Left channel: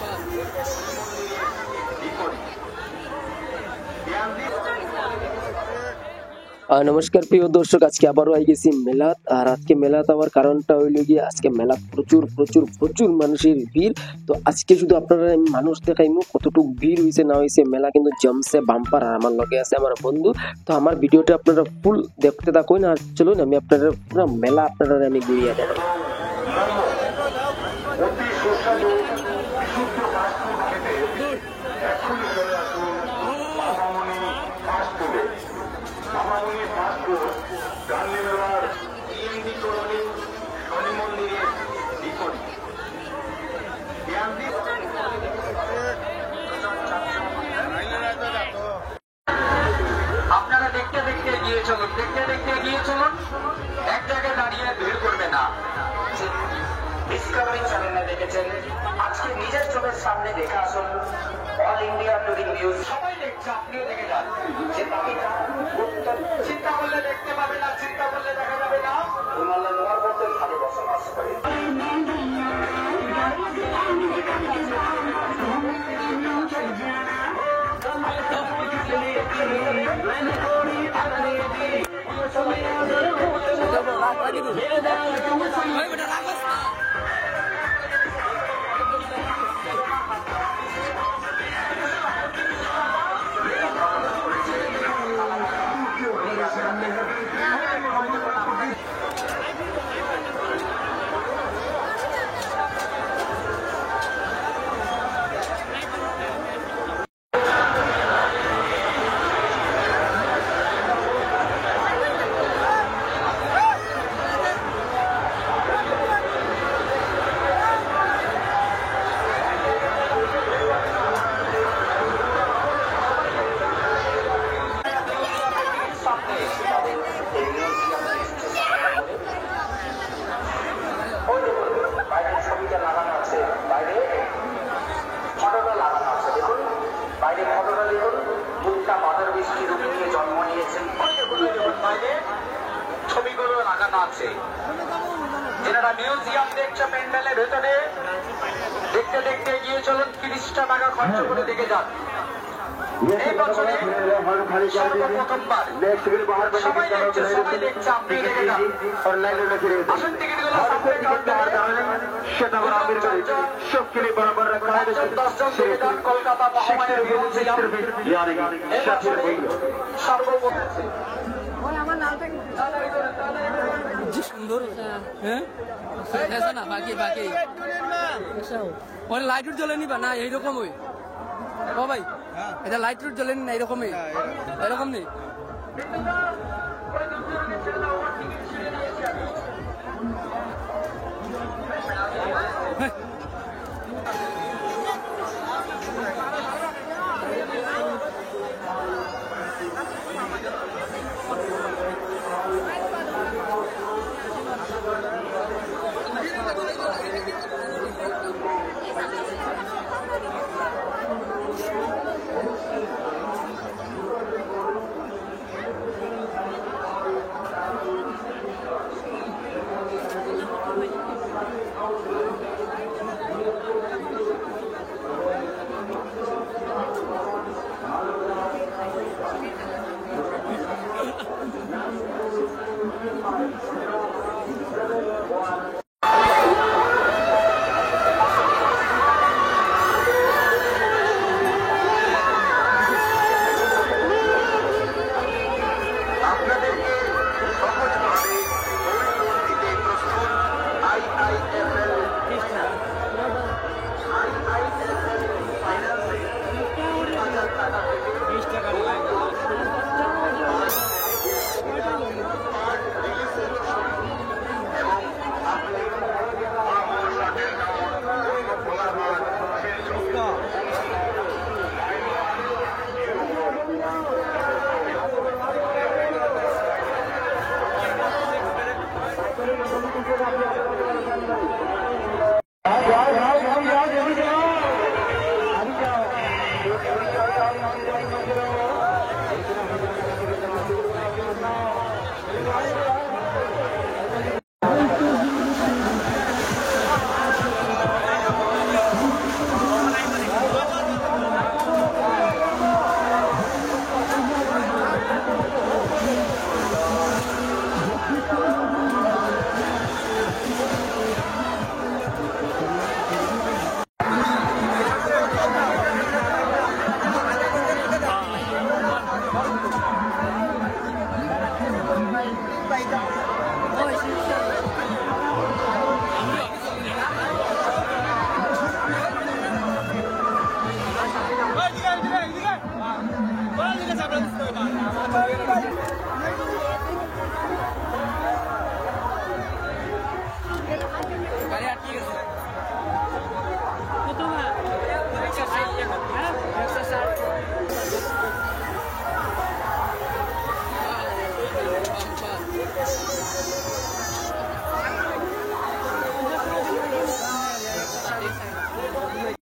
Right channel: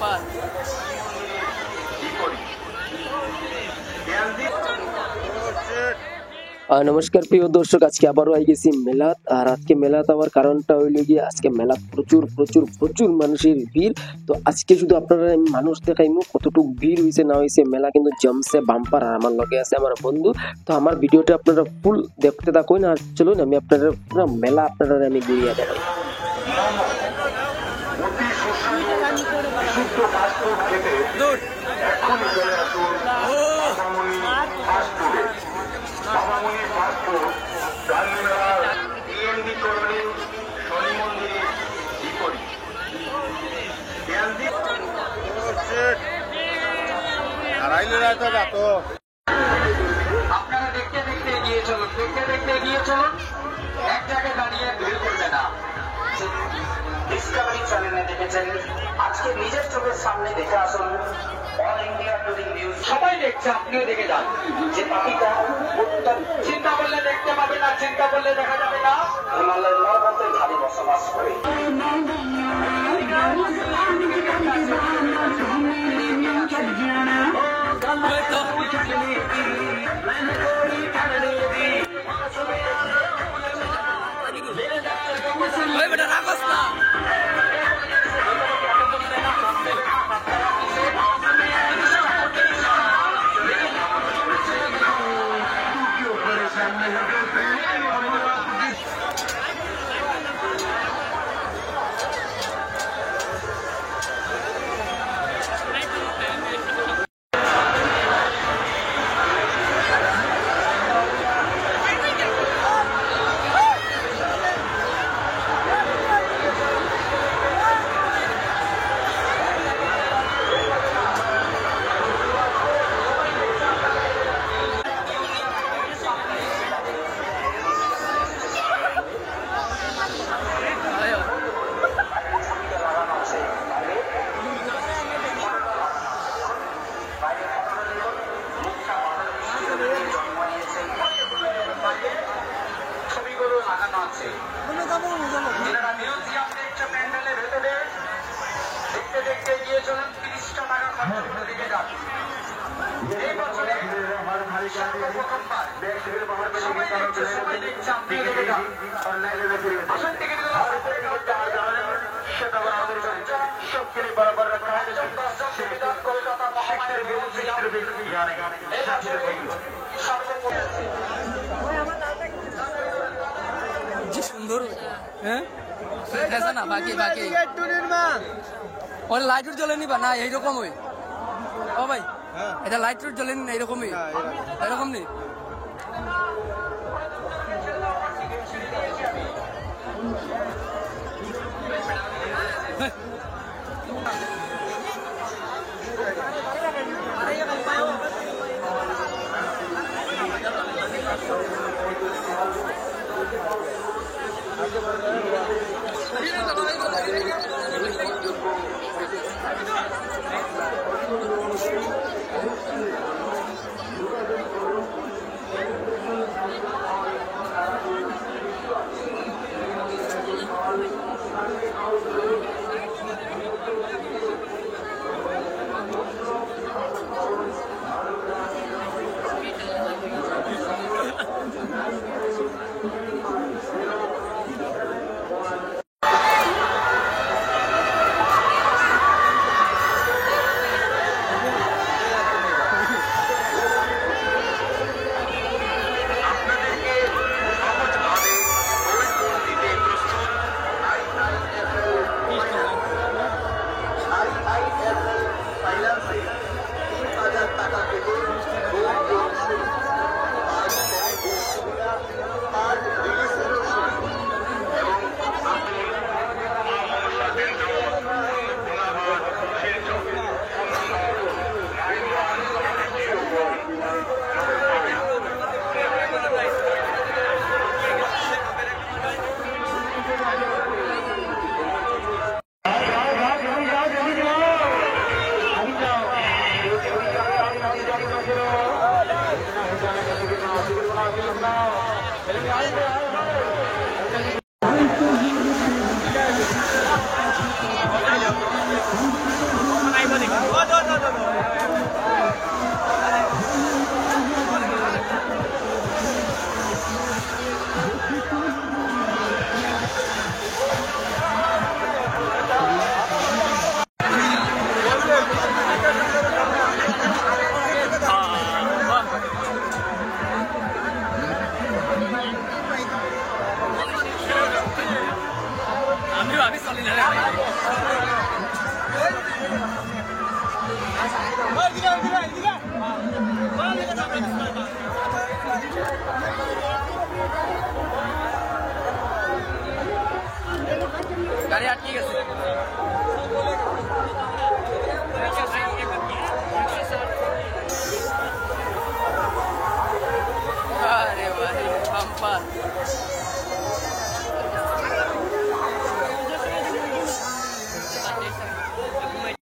Bumper. নমস্কার প্রিয় দর্শক, আজকে আবারও আই গেছি মেলাত। আর আজকে মেলাত আবার কারণটা হইল গিয়ে আজকে মেলাত প্রচুর প্রচুর প্রচুর মানুষের ভিড়। তো আজকে শুধু আপনারা আমি মানুষ দেখাইমু কতটুকু ভিড় হয়েছে না হয়েছে। মেলা কিন্তু জমছে বাম্পার। আর আমার লগে আছে আমার বন্ধু। তো আমার ভিডিওটা আপনারা ফুল দেখতে থাকুন। আর চলুন আমি আপনারা পুরো মেলা আপনারা আমি ঘুরিয়ে দেখাই। আপনারা দেখতে দেখতে এগিয়ে চলুন, দেখতে দেখতে এগিয়ে চলুন, এক জায়গায় দাঁড়িয়ে ভিড় করবে না। ডিসকভারি চ্যানেলে দেখেছেন, আজকে নিজের চোখের সামনে দেখে আসুন। অল ইন্ডিয়া টুরিং নিউজ সবাই দেখছে, আপনিও দেখে যান যে পাখিটা চিন্তা করলে দেখতে পাবে না, চিন্তা করলে দেখা যাবে না। হিমালয়ের পর্বতের ধারে বসবাস করে বেটা রাগস না। ছবিগুলো লাগানো আছে। যারা মিউজিয়াম দেখছে প্যান্ডেলের ভেতরে, দেখতে দেখতে এগিয়ে চলুন, 30টা টাকা খরচ করে দেখে যান। এই বছরে সর্বপ্রথমবার সবাই দেখছে, সবাই দেখছে, আপনি দেখে যান। আসল টিকিটগুলো সামনে কাটতে হবে। কলকাতা মহামায়ের মিউজিয়াম কি সুন্দর, হ্যাঁ না বাকি বাকি ওর লাইট জ্বলে নিবা না এইরকম ওই। ও ভাই এটা লাইট জ্বলে নি না এরকমই, এরকম নেই। গাড়ি আটকে গেছে। আরে বাড়ি বাম্পার